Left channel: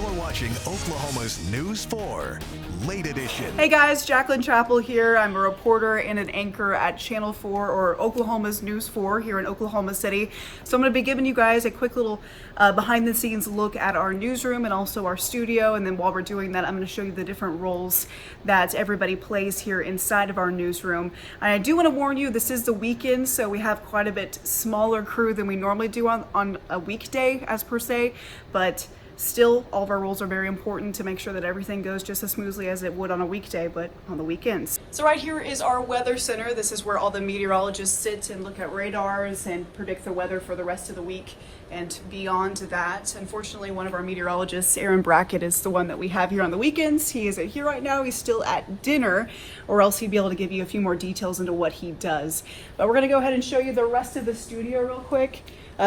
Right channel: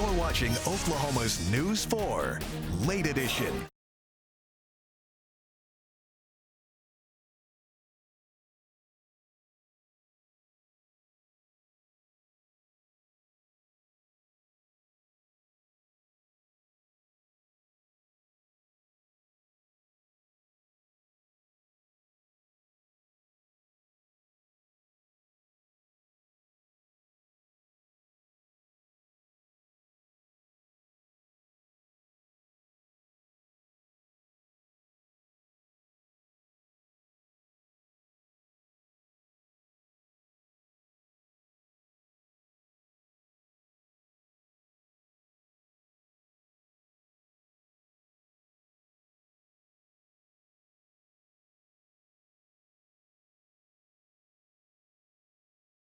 You're watching Oklahoma's News 4, Late Edition. Hey guys, Jacqueline Chappell here. I'm a reporter and an anchor at Channel 4, or Oklahoma's News 4 here in Oklahoma City. So I'm going to be giving you guys a quick little behind the scenes look at our newsroom and also our studio. And then while we're doing that, I'm going to show you the different roles that everybody plays here inside of our newsroom. And I do want to warn you, this is the weekend, so we have quite a bit smaller crew than we normally do on a weekday as per se, but still, all of our roles are very important to make sure that everything goes just as smoothly as it would on a weekday, but on the weekends. So right here is our weather center. This is where all the meteorologists sit and look at radars and predict the weather for the rest of the week and beyond that. Unfortunately, one of our meteorologists, Aaron Brackett, is the one that we have here on the weekends. He isn't here right now. He's still at dinner, or else he'd be able to give you a few more details into what he does. But we're going to go ahead and show you the rest of the studio real quick.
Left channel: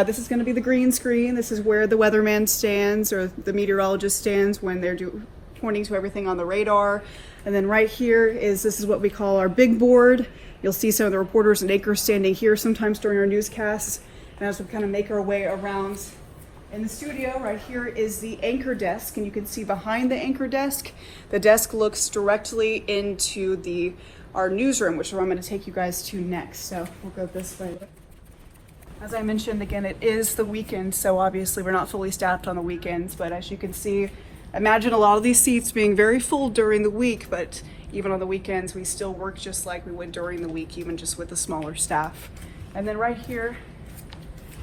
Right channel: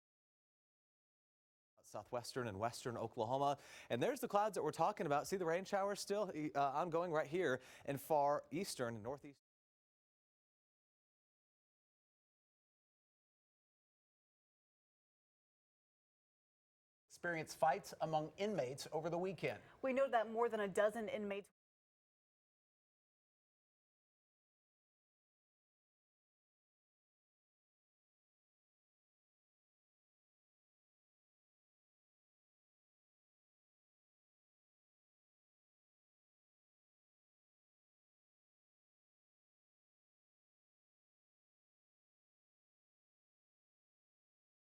This is going to be the green screen. This is where the weatherman stands, or the meteorologist stands when they're pointing to everything on the radar. And then right here this is what we call our big board. You'll see some of the reporters and anchors standing here sometimes during our newscasts. And as we kind of make our way around in the studio, right here is the anchor desk. And you can see behind the anchor desk, the desk looks directly into our newsroom, which is where I'm going to take you guys to next. So we'll go this way. As I mentioned, again, it is the weekend, so obviously we're not fully staffed on the weekends, but as you can see, imagine a lot of these seats being very full during the week, but even on the weekends, we still work just like we would during the week, even just with a smaller staff. And then right here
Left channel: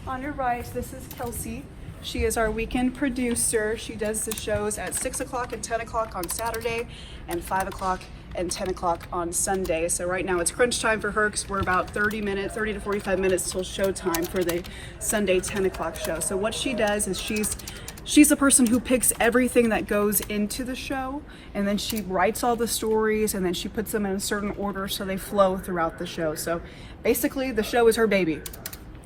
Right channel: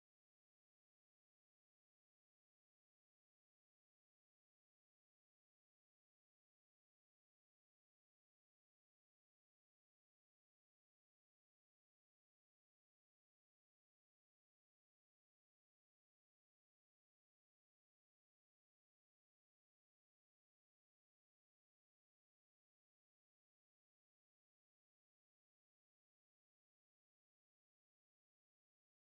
on your right, this is Kelsey. She is our weekend producer. She does the shows at 6 o'clock and 10 o'clock on Saturday and 5 o'clock and 10 o'clock on Sunday. So right now it's crunch time for her because we're about 30 to 45 minutes till showtime for the Sunday 10 o'clock show. So what she does is she's the person who picks everything that goes into the show, and then she writes all the stories, and then she puts them in a certain order so they flow throughout the show. So basically the show is her baby.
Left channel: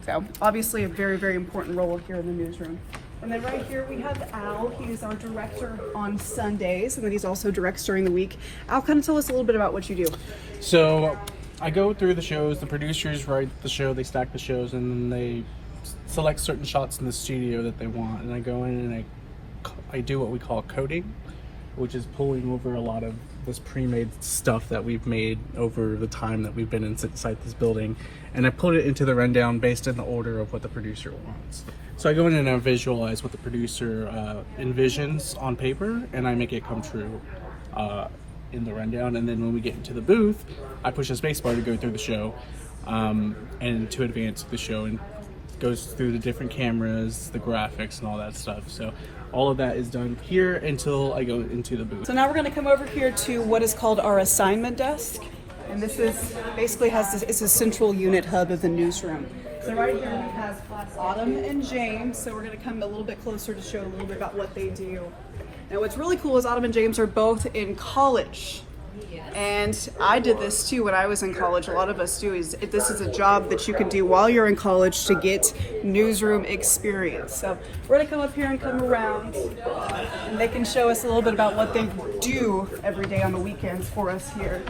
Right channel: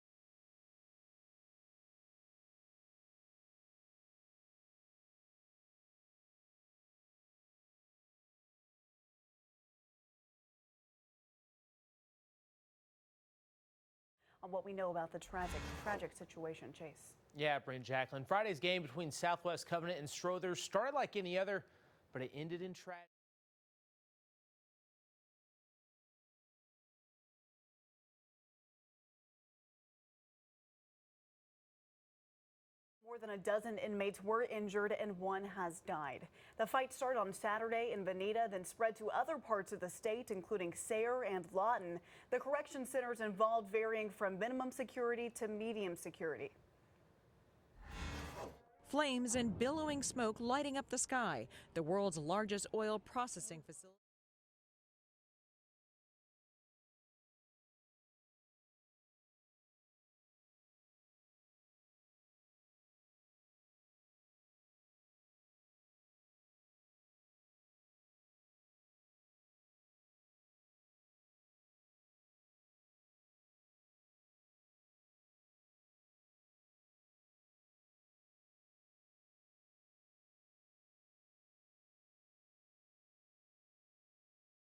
So obviously a very, very important role here in the newsroom. And then right here we have Al. He is our director on Sundays, and then he's also directs during the week. Al, kind of tell us a little bit about what you do. So I go through the shows, the producers write the show, they stack the shows, and then they select certain shots in the studio that they want. And I go in and I do what we call coding, which is pulling over a lot of this pre-made stuff that we've made over the time that we've been inside this building. And I put it into the rundown based on the order of what the producer wants. So I go in and I visualize what the producer envisions on paper, and I make it come true in the rundown. And then when we get into the booth, I push the space bar to go through the show and to advance the show, and goes through the different cameras, the graphics, and all that stuff. So all of that is done here until I go into the booth. So now we're going to come over here to what is called our assignment desk. And this is basically it's a central unit hub of the newsroom. So right here we have Autumn and James. So we're going to come a little bit closer to show a little bit about what they do. Now what's really cool is Autumn and James are both in college. And I did this too when I was in college. A lot of us do. This is a job that you can do while you're in college to get newsroom experience. So we're going to come up here and come around, and they can show us a little bit about what they do every day on the weekends for us here.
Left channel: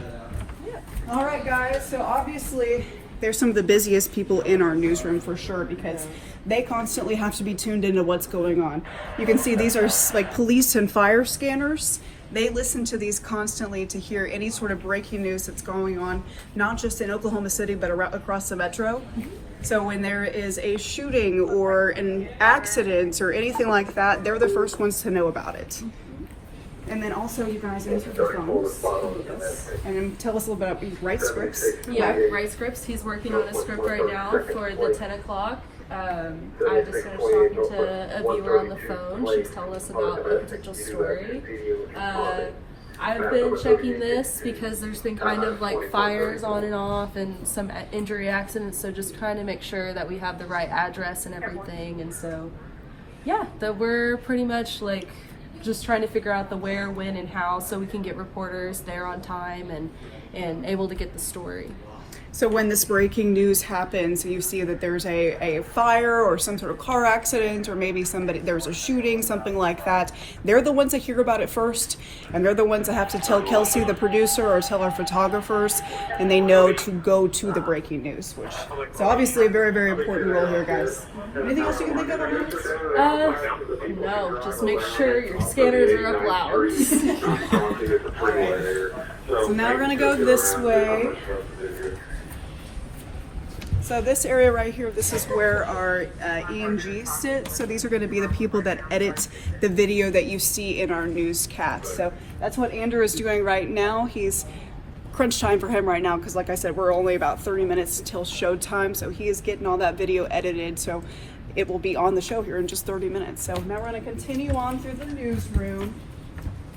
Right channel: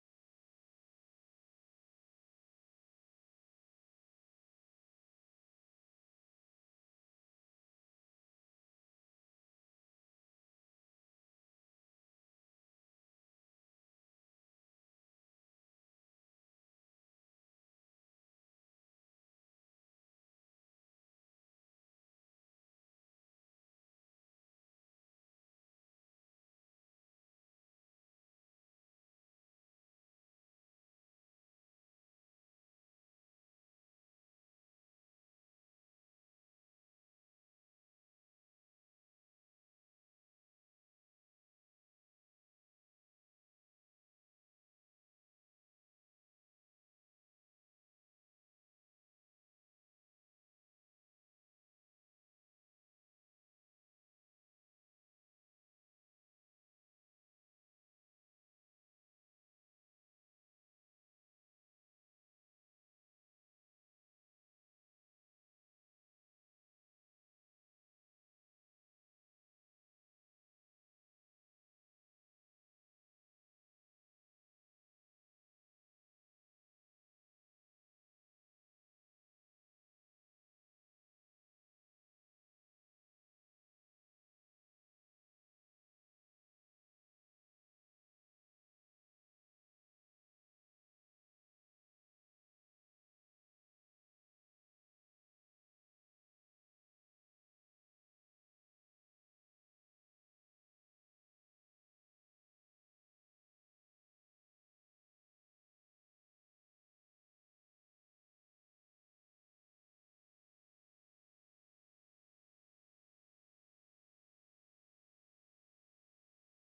All right, guys. So obviously, they're some of the busiest people in our newsroom for sure, because they constantly have to be tuned into what's going on. You can see these are like police and fire scanners. They listen to these constantly to hear any sort of breaking news that's going on, not just in Oklahoma City, but across the metro. So when there is a shooting or an accident or anything like that, they're the first ones to know about it. And then also, you guys answer the phones. And then tell us a little bit about, you write scripts. Yeah, write scripts. He's working on a script right now for the 10 o'clock. I just finished talking to a viewer on the phone. She was telling us about a potential story. I've been checking this because there's been kind of like fires on and off and some injury accidents, so just trying to make sure that we have the right address and everything. And so, yeah, that we're pretty much like just trying to figure out the where, when, and how so we can get reporters there on time and able to get the story. So when this breaking news happens and you see that there's a fire or some sort of car accident or maybe there's a shooting, something like that, they're the ones that hear about it first, and they're the ones that have to tell Kelsey, the producer, or tell our photographers, and they know to go to the breaking news, which is obviously a very, very important role here, guys. Anything else you can think of on this? No, just make sure your scanners are up loud. So now we're gonna go this way. So this area right here, this is where our EMGs sit. So these are going to be the people that edit the video that you see in our newscast. So that's what Andrew is doing right now. He's crunch time for him right now because, like I said, we're only about 30 minutes till showtime. So he is getting all that video edited. So it will be on the show here in just 30 minutes. So now we're going to continue on through the newsroom.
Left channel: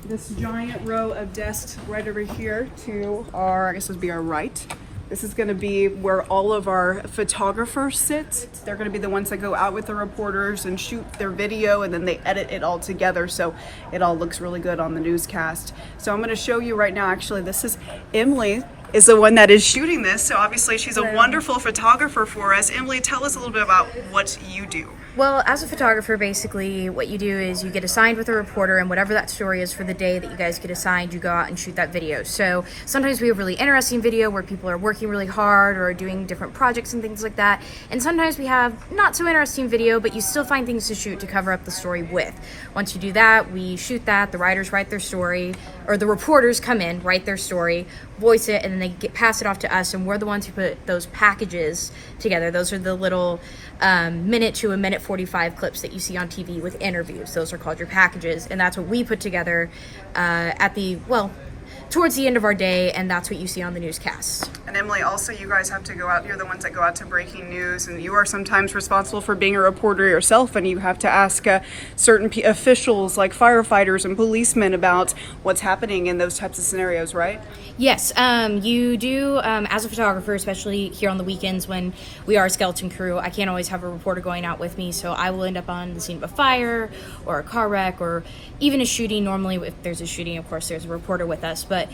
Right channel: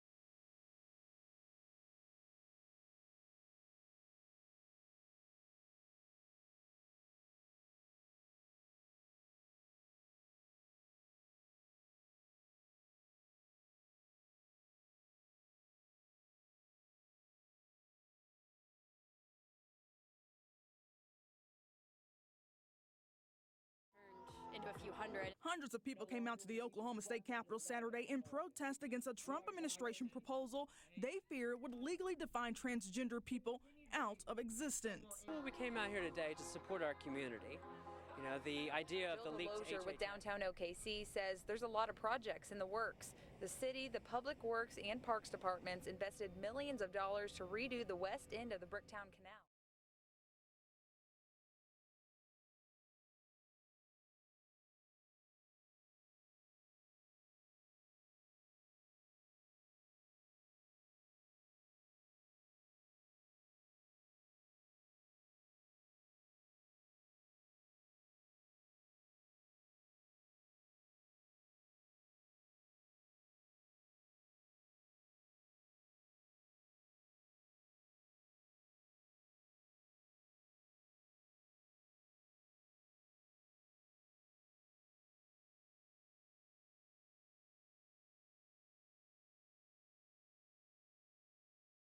This giant row of desks right over here to our, I guess this would be our right. This is going to be where all of our photographers sit. They're going to be the ones that go out with the reporters and shoot their video, and then they edit it all together so it all looks really good on the newscast. So I'm going to show you right now, actually, this is Emily is the one that is shooting this. So obviously she's a wonderful photographer for us. Emily, tell us a little bit about what you do. Well, as a photographer, basically what you do is you get assigned with a reporter, and whatever that story is for the day that you guys get assigned, you go out and shoot that video. So sometimes we have really interesting video where people are working really hard or doing different projects and things like that. And sometimes we have not so interesting video, but you still find things to shoot to cover up the story with. Once you do that, we shoot that, the writers write their story, or the reporters come in, write their story, voice it, and then they pass it off to us, and we're the ones who put those packages together. Those are the little minute to a minute 45 clips that you see on TV with interviews. Those are called your packages, and that's what we put together towards the end of our day, and that's what you see on the newscasts. And Emily, also you guys have to go out, you're the ones that go out to breaking news, and you are sometimes responsible for being a reporter yourself, and you have to ask certain officials like firefighters and policemen about what's happening in those types of scenarios, right? Yes, you do, as a photographer, especially here on the weekends when we are a skeleton crew. I can't always have a reporter going out with me, so I will end up on the scene of a fire or a car wreck or even a shooting. Normally, if there's a shooting, of course, there's a reporter with us, but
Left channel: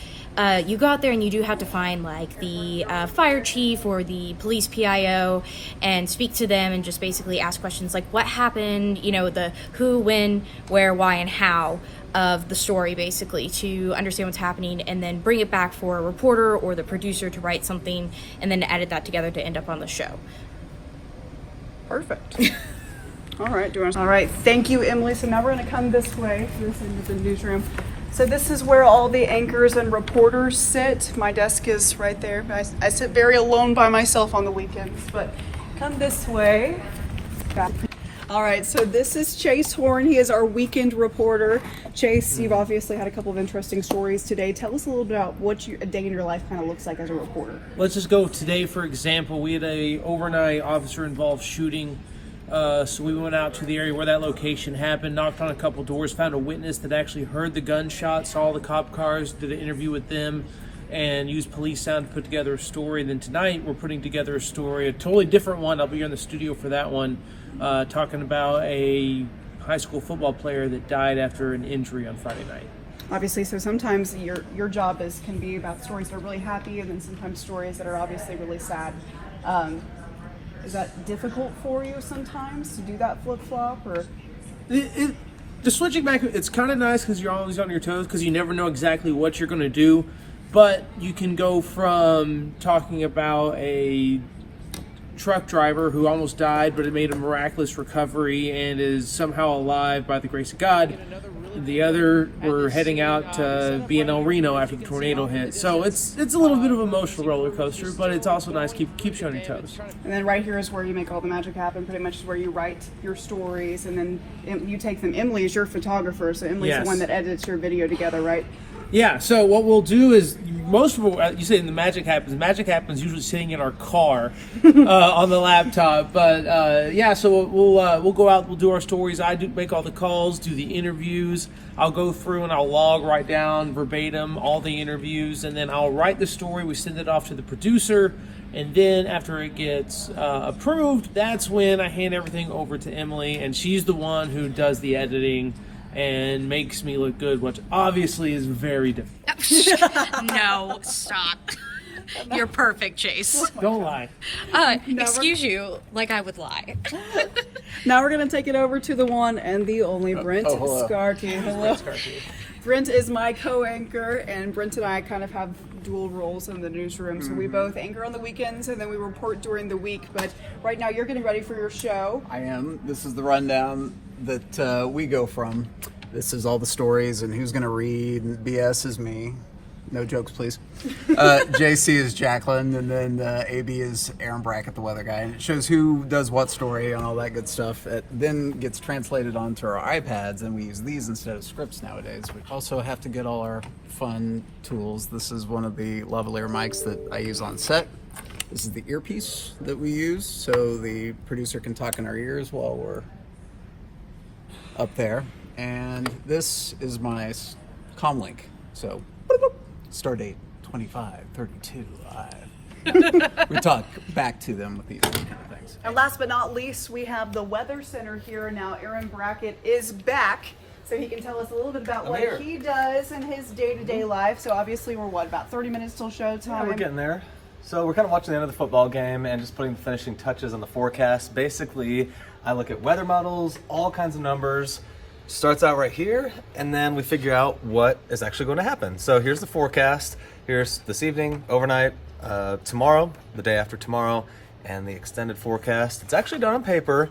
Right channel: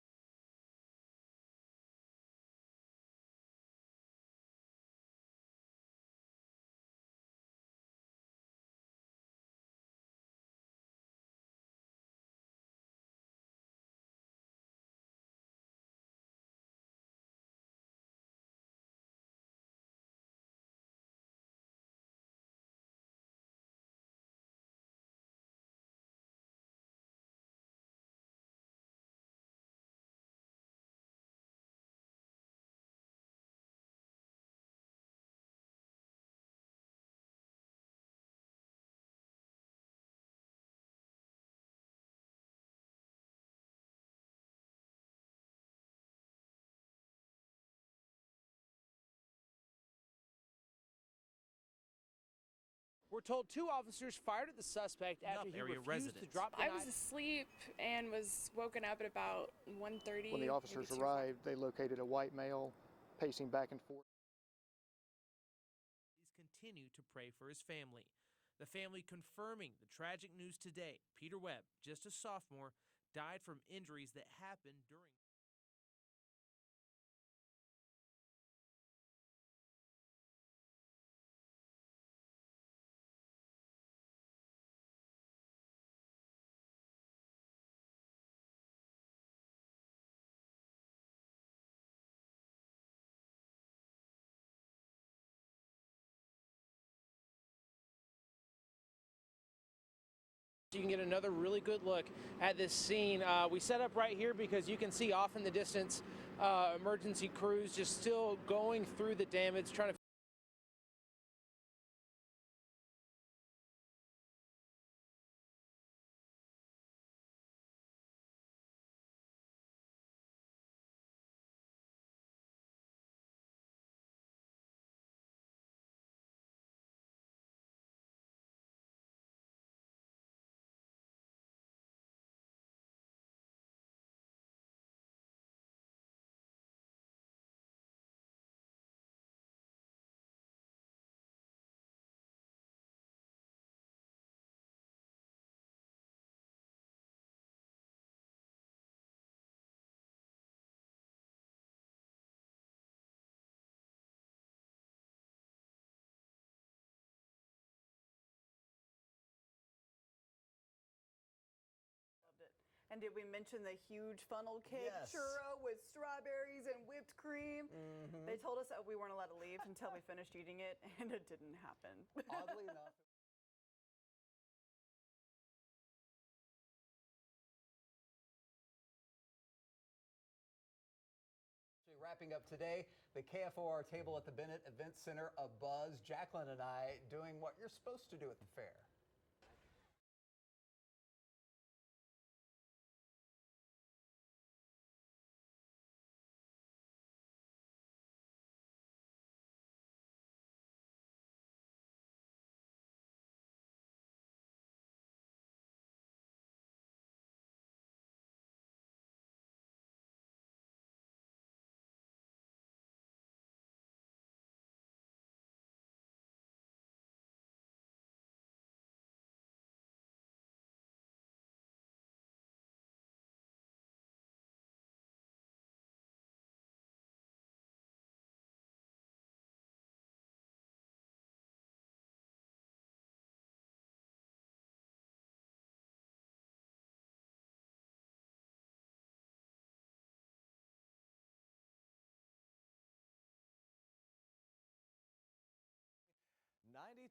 you go out there and you do have to find like the fire chief or the police PIO and speak to them and just basically ask questions like what happened, you know, the who, when, where, why, and how of the story, basically, to understand what's happening, and then bring it back for a reporter or the producer to write something and then to edit that together to end up on the show. Perfect. All right, thank you, Emily. So now we're going to come this way, this end of the newsroom. So this is where all the anchors and reporters sit. My desk is right there. I sit very alone by myself on the weekends, but come this way. Back. All right, so this is Chase Horn. He is our weekend reporter. Chase, you've obviously had a couple of interesting stories today. Tell us a little bit about what a day in your life kind of looks like as a reporter. Let's just go today, for example. We had a overnight officer-involved shooting. So we went out to the area where that location happened, knocked on a couple doors, found a witness that actually heard the gunshots, saw the cop cars, did an interview with them, and used police sound to put together a story. Then tonight we're putting together a story, a totally different one. I'll be here in the studio for that one, talking about a high school football player that died after an injury on Friday night. Obviously, so sometimes your job can be about stories that are really happy, and then sometimes stories that are obviously really sad. Is that difficult for you sometimes to do that flip-flop, or? The switching back, it's kind of nice because you're always on your toes because you never know exactly what you're going to do, but you can go from talking about a truck driver who almost died but it made a miraculous recovery and is somehow alive by the grace of God. The other, we're heading out to be in El Reno after the tornado hit. So it's a little bit of an emotional roller coaster, but it's also nice, keeps you on your toes. And then right here is where you make all the magic happen, pretty much is where you write your stories, and then you take them. Emily is your photographer, so Emily's the one that edits your video together, right? Yeah, so what we'll do is, most of what you say in the magic happens usually sitting in our car on the laptop. But so we'll go out, we'll do our stories. I do make all the calls, do the interviews. I'll go through and I'll write down verbatim all the interviews, and then I'll write the story. We send it off to the producer, and then after it gets approved, that's when I hand everything over to Emily, and she's the one who does the editing and makes me look good, which obviously is very difficult. No, stop. You're perfect, Chase. Don't lie. Excuse you, like I would lie. Now we're gonna take it over to the one and the only Brent Scarty. Hello. Brent is my co-anchor, and Brent and I kind of have dual roles in the newsroom. So we both anchor on the weekends, and then we report during the week. But right now, you're getting ready for your show. I am. This is the rundown that we go from. This is all the stories and who's going to read. And BS is me. No jokes, please. JC is Jacqueline, and then AB is Aaron Brackett, the weather guy. And it shows who does what story and all that good stuff. It then gets translated onto our iPads, and we use these instead of scripts nowadays. We also have to get all our fun tools. This is one of the lavalier mics that I use on set. This is the earpiece that we use, so the producer can talk in our ears while we're up there. And this is my comlink. So, star date 2532 live. We talk back to them with these kind of things. And last but not least, we have the Weather Center here now. Aaron Brackett is back, so he can tell us a little bit about what he does in his day-to-day life. So obviously we're about 30 minutes till showtime? Yeah, we're getting there. So we're kind of watching the end of the football game and just putting the finishing touches on the forecast. Basically, I look at weather models, all kinds of numbers. Starts out right here, and then we figure out what is actually going to happen. So here's the forecast. Here's this evening, overnight, tomorrow, the day after tomorrow, and the extended forecast. It's actually done on paper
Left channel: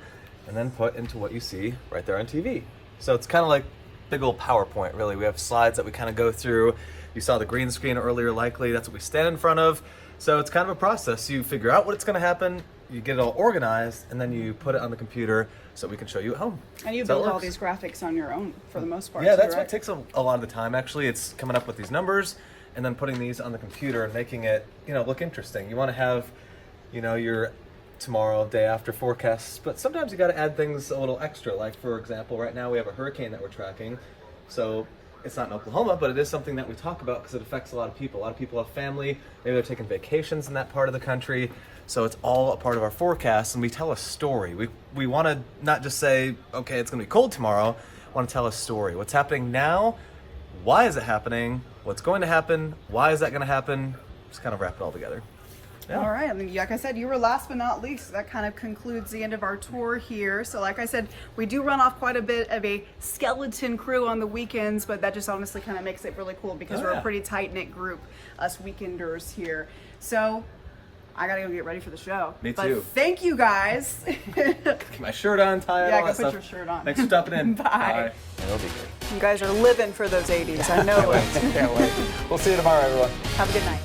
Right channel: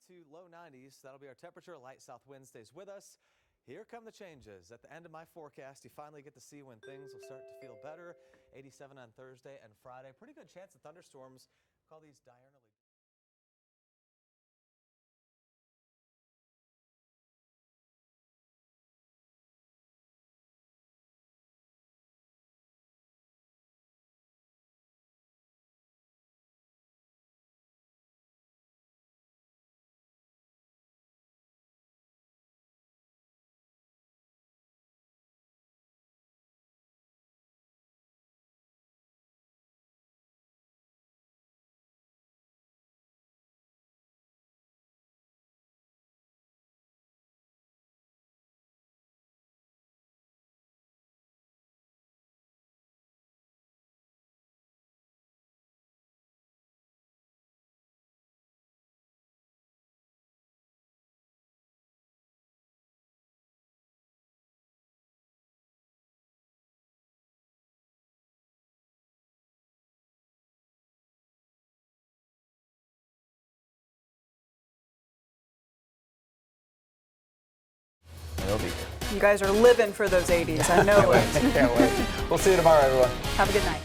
and then put into what you see right there on TV. So it's kind of like big old PowerPoint, really. We have slides that we kind of go through. You saw the green screen earlier, likely. That's what we stand in front of. So it's kind of a process. You figure out what's going to happen, you get it all organized, and then you put it on the computer so we can show you at home. And you build all these graphics on your own for the most part. Yeah, too, that's right? what takes a lot of the time, actually. It's coming up with these numbers and then putting these on the computer and making it, look interesting. You want to have, your tomorrow, day after forecasts, but sometimes you got to add things a little extra. Like, for example, right now we have a hurricane that we're tracking. So it's not in Oklahoma, but it is something that we talk about because it affects a lot of people. A lot of people have family. Maybe they're taking vacations in that part of the country. So it's all a part of our forecast, and we tell a story. We want to not just say, okay, it's going to be cold tomorrow. We want to tell a story. What's happening now? Why is it happening? What's going to happen? Why is that going to happen? Just kind of wrap it all together. Yeah. All right. I mean, like I said, you were last but not least. That kind of concludes the end of our tour here. So like I said, we do run off quite a bit of a skeleton crew on the weekends, but that just honestly kind of makes it really cool because we're a pretty tight-knit group, us weekenders here. So I gotta go get ready for the show. Me but too. Thank you guys. Get my shirt on, tie it, Yeah, all go that put stuff. your shirt on. Thanks for stopping in. Bye. It'll be good. You guys are living for those 80s. I know it. Can't wait. We'll see you tomorrow, everyone. Have a good night.